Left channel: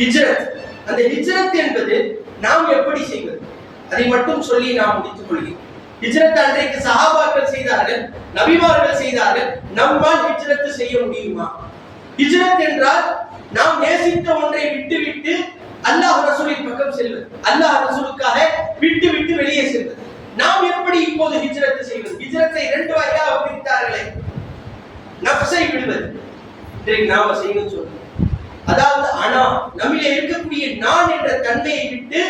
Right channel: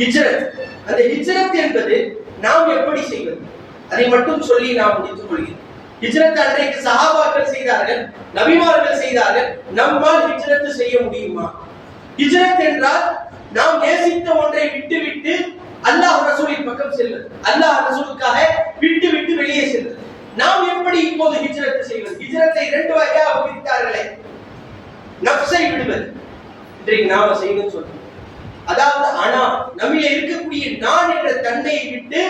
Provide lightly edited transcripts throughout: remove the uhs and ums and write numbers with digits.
ஹிஜ்ரத். அந்த ஹிஜ்ரத் என்பது நாம் எப்படி செய்வது, அதை மட்டும் சொல்லி நாம் முடித்துக் கொள்கிறோம். ஹிஜ்ரத் அன்றைக்கு சஹாபாக்கள் செய்தார்கள், நபிமார்கள் செய்தார்கள். நம்மால் ஹிஜ்ரத் செய்ய முடியுமா? ஹிஜ்ரத் என்றால் நாம் நேசித்த ஒன்றை விட்டுவிட்டு அல்லாஹ் ரசூலின் பக்கம் செல்வது, அல்லாஹ் ரசூலுக்காக விட்டு வெளியே செல்வது. நாம் எப்படி இப்போது ஹிஜ்ரத் செய்வது? ஹிஜ்ரத்தை 2 வகையாக பிரித்தார்களே. நஃப்ஸை விடுவது இன்றைக்கு நாம செய்யணும்னு சொல்றோம். அதாவது நம்மிலே இருக்கக்கூடிய நான் என்ற தன்மையை விட்டு,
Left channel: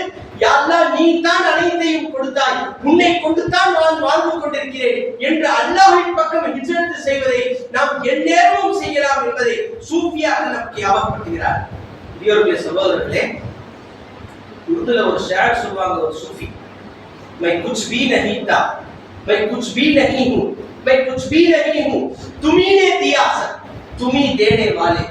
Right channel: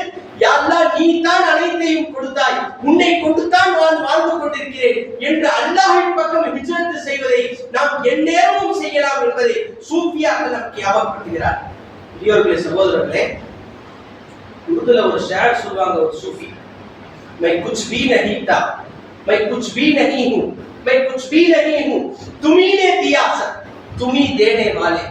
யா அல்லாஹ் நீ தான் அனைத்தையும் கொடுத்தாய், உன்னை கொண்டு தான் நான் வாழ்ந்து கொண்டிருக்கிறேன் என்று அல்லாஹ்வின் பக்கம் ஹிஜ்ரத் செய்வதை நாம் எந்நேரமும் செய்யலாம் என்பதை சூஃபியாக நமக்கு ஞாபகப்படுத்துகிறார். பெரியவர்களே, சகோதரர்களே, உருதுல ஒரு ஷார் சொல்வாங்க, ஒரு சூஃபி, मैं कुछ भी नहीं था, मैं कुछ भी नहीं हूं, मैं कुछ भी नहीं हूं, तुम्ही ने दिया सब, तुम्ही देने वाले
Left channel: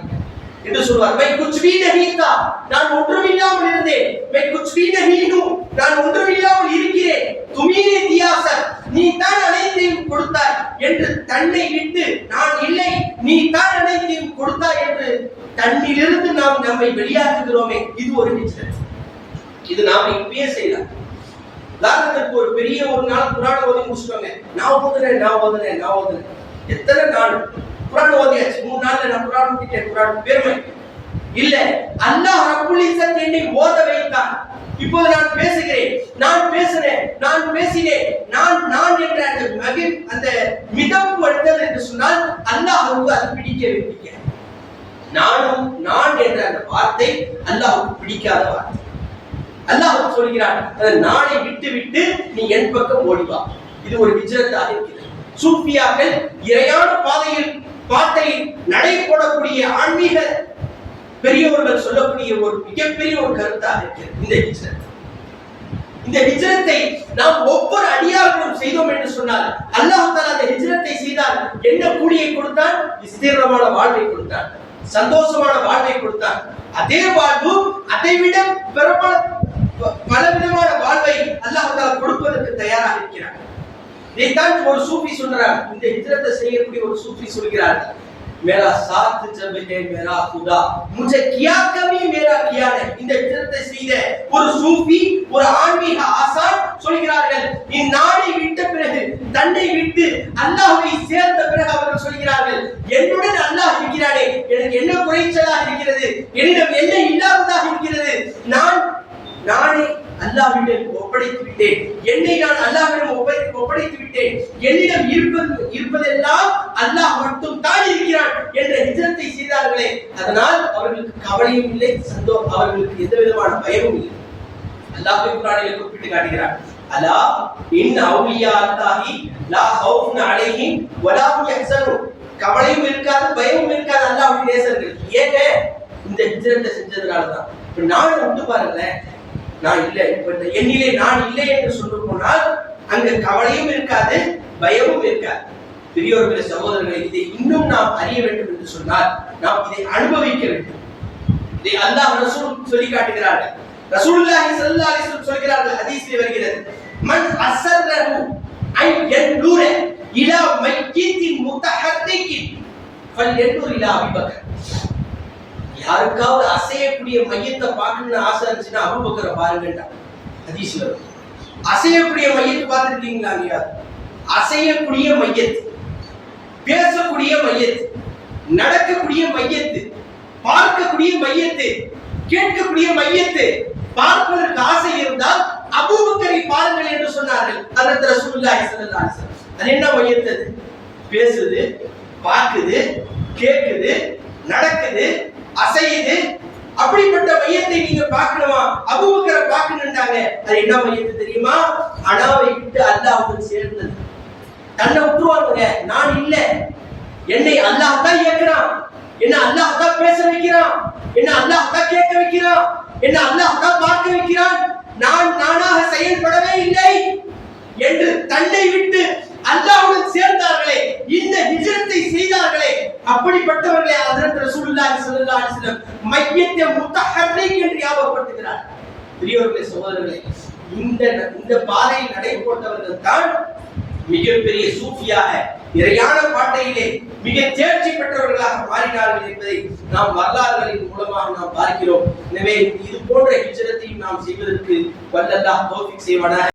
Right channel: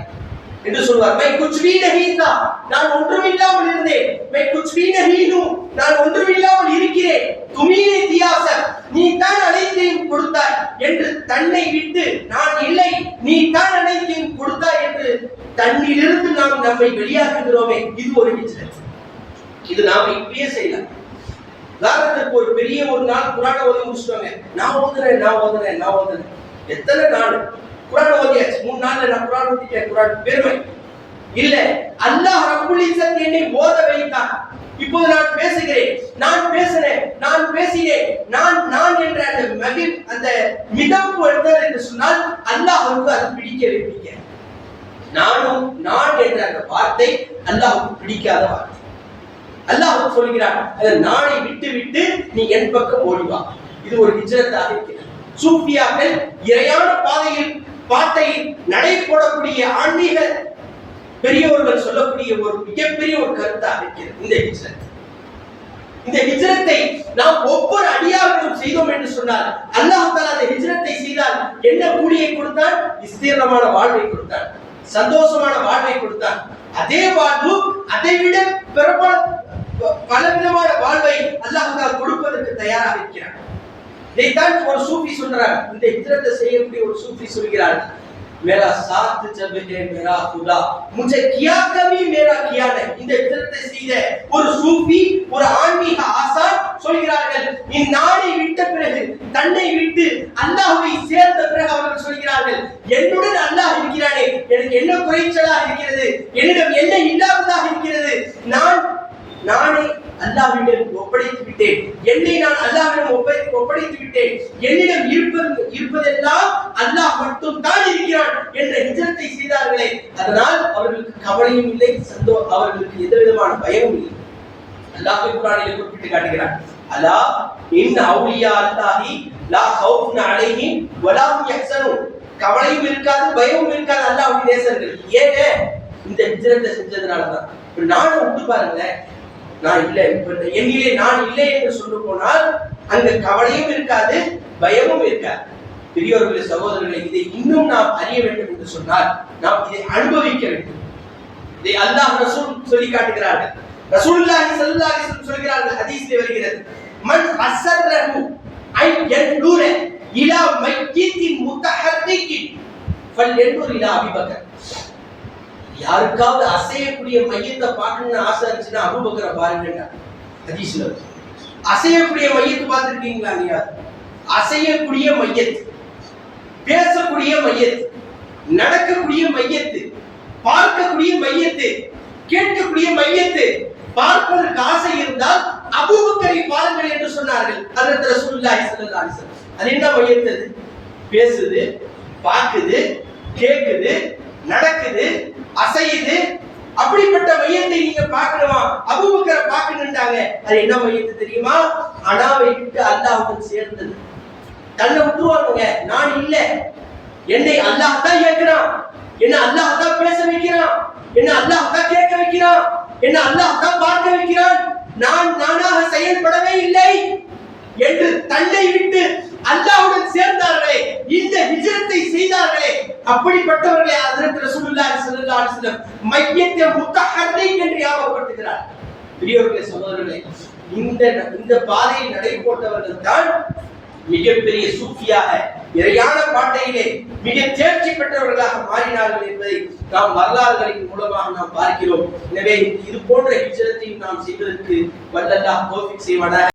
என்று சொல்வார். मैं कुछ भी नहीं था, நான் ஒன்றுமில்லாமல் இருந்தேன். मैं कुछ भी नहीं हूं, நான் ஒன்றுமில்லாமல் இருக்கிறேன். तुम्ही ने दिया सब, நீ தான் அனைத்தையும் கொடுத்தாய் என்று தன்னை விட்டு, நான் இல்லை நீ தான் அனைத்தையும் கொடுத்தாய் என்று தன்னிலிருந்து நாம் நம்மை வெளியாக்குகிறோமே, இது ஒரு ஹிஜ்ரத். இது நாம இப்பயே செய்யலாம். உதாரணத்துக்கு ஒரு பெரிய ஒரு நாள் குர்ஆன் ஓதி முடிச்சிட்டாங்க, நான் ஓதுனேன். எத்தனை நாள் குர்ஆன் ஓதியாச்சு? 3 நாள்ல நான் குர்ஆன் ஓதிட்டேன். குர்ஆன் பெருமை இல்ல, அல்லாஹ் ரப்புல் இஸ்ஸத் என்னை ஓத வைத்தான். இப்போ நான் பேசுகிறேன், நான் பேசினேன், நான் என்ற அந்த மிதப்பு எடுத்தல் என்று சொன்னால் அல்லாஹ்வுக்கு அது பிடிக்க. நான் என்ற அந்த வார்த்தை அல்லாஹ்வுக்கு பிடிக்காத வார்த்தை. அல்லாஹ் சொல்கிறான், அந்த நானை விட்டு நீ என் பக்கம் ஓடி வா. இது ஒரு ஹிஜ்ரத்தாக இருக்கிறது. சூஃபியாக்கள் இறையான பாட்டையில் நடை போடக்கூடிய ஆன்மீக பெரியவர்கள் சொல்லக்கூடிய ஒரு மிகப்பெரிய ஒரு கருத்தாக இருக்கிறது இந்த ஹிஜ்ரத். இந்த ஹிஜ்ரத்தை நாம் ஒவ்வொரு அடியார்களும் செய்தோம் என்று சொன்னால், அல்லாஹ் தஆலா அந்த ஹிஜ்ரத்தை செய்தால் என்ன கூலியை கொடுத்தான்? விஸ்தீர்ணமான வாழ்வை கொடுத்தான், சந்தோஷமான வாழ்வை கொடுத்தான். அதே வாழ்வு, அதைவிட பலவிதமான வாழ்வை அல்லாஹ் தஆலா கொடுப்பதற்கு தயாராக இருக்கிறார். இதைத்தான் ஒரு சூஃபி சொல்றார். இந்த ஹிஜ்ரத்தை செய்யக்கூடிய ஒரு சூஃபி சொல்கிறார், मेरा साथ जब है मेरा खुदा मुझे क्या कमी मेरा किया नहीं. இந்த ஹிஜ்ரத்தை செய்த ஒரு சூஃபி, ஒரு ஆன்மீக ஆசான் சொல்கிறார்கள், இந்நாளை விட்ட பிறகு, தன்னை விட்டு அல்லாஹ்வை சேர்ந்த பிறகு அவர்கள் சொல்கிறார்கள், என்னுடன் அல்லாஹ் இருக்கிறானே, எனக்கு என்ன குறைச்சலாக இருக்கிறது, என்னிடம் என்ன இல்லாததாக இருக்கிறது, நானே அல்லாஹ்விடம் ஒப்படைத்து விட்டேன், என்னை நான் அல்லாஹ்விடம் ஒப்படைத்து விட்டேன், என்னிடம் இருப்பதெல்லாம் அல்லாஹ் மட்டும் தான் இருக்கிறான் என்ற ஹிஜ்ரத்தை செய்தார்களே, அதனால் அவர்களுக்கு கவலையும் இல்லை, அவர்களுக்கு எந்த விதமான பயமும் இல்லை. அல்லாஹ் குர்ஆனில் குறிப்பிட்டு காட்டுகிறார், அலா இன் அவுலியா அல்லாஹி லா ஹவுஃபுன் அலைஹிம் வலா ஹும் யஹ்சனூன். கவலையும் இருக்காது, பயமும் இருக்காது அல்லாஹ்வுடைய நேசர்கள். ஏங்க? இந்த ஹிஜ்ரத்தை செஞ்சதனால தான். இப்ப நானே விட்டு பாருங்களேன், நான் இல்லை, என்னிலே நான் இல்லை என்று சொல்ல போனால் அங்க கவலையும் இருக்காது, பயமும் இருக்காது. பெரியோர்களே, சகோதரர்களை, இதை இன்னும் நாம் அறிய வேண்டும் என்று சொன்னால் நாம் இதை அனுபவிக்க வேண்டும். இதை அல்லாஹ் ரசூல் சொல்லி காட்டுகிறார்கள். ரசூலுல்லாஹி ஸல்லல்லாஹு அலைஹி வஸல்லம் சொல்கிறார்கள், ஹதீஸிலே வருகிறது, மன் அஸர்ரஹு ஐ யன்துர இலா மையித்தின் முத்தஹர்ரிகின் ஃபல்யன்துர் இலா அபூபக்கர். யாருக்காவது அசையக்கூடிய மையத்தை பார்க்கணும்னு ஆசை இருந்துச்சுன்னா அபூபக்கரை பாருங்கடா. ஹதீஸ்ல அசையக்கூடிய மையத்தை பார்த்திருக்கீங்களா? நீங்க அசையக்கூடிய மையத்து, பேசக்கூடிய மையத்து, நடக்கக்கூடிய மையத்து, பார்க்கக்கூடிய மையத்து, கேட்கக்கூடிய மையத்து, பார்ப்பதற்கு ஆசை இருந்தால் அபூபக்கரை பாருங்கள் என்று சொன்னார்கள் ஹஜ்ரத் ரசூலுல்லாஹி ஸல்லல்லாஹு அலைஹி வஸல்லம். அது என்ன மையத்து? பேசுது, பார்க்குது, கேட்குது, நடக்குது, அசையுது. அப்படிப்பட்ட மையத்தை நீங்க பார்க்கணுமா? அபூபக்கரை பார்க்கணும்ட்டாங்க. அது என்ன மையத்து தெரியுமா? அனாவை விட்டு அல்லாஹ்வுடன் சேர்ந்தது. தன்னை விட்டுருவாங்க, நான் இல்ல, என்னை அல்லாஹ் தான் இயக்குறான், என்ன அல்லாஹ் தான் பேச வைக்கிறான், என்ன அல்லாஹ் தான் கேட்க வைக்கிறான், என்ன அல்லாஹ் தான் பார்க்க வைக்கிறான், நானாக செயல்படவே இல்லை என்று தன்னை விட்டு அல்லாஹ்வுடன் சேர்ந்தார்களே, இந்த ஹிஜ்ரத்தை செய்தார்களே, அப்படிப்பட்டவர்களே ஹஜ்ரத் ரசூலுல்லாஹி ஸல்லல்லாஹு அலைஹி வஸல்லம் மையத்தை முத்தஹர்ரிக் என்று ஞாபகப்படுத்துகிறார். பெரியவர்களே, சகோதரர்களே, இந்த பாதையில் நடை போட்டவர்கள் தான் மிகப்பெரிய சூஃபியாக இறையான பாட்டையிலே மிக தேர்ச்சி பெற்றவர்களாக மாறினார்கள் என்பதை நாம் வரலாறுகளின் மூலமாக நாம் பார்க்கிறோம். எனவே இது போன்ற ஹிஜ்ரத்தையும் நாம் செய்வதற்கு வல்ல அல்லாஹ் தௌஃபீக் செய்வானாக.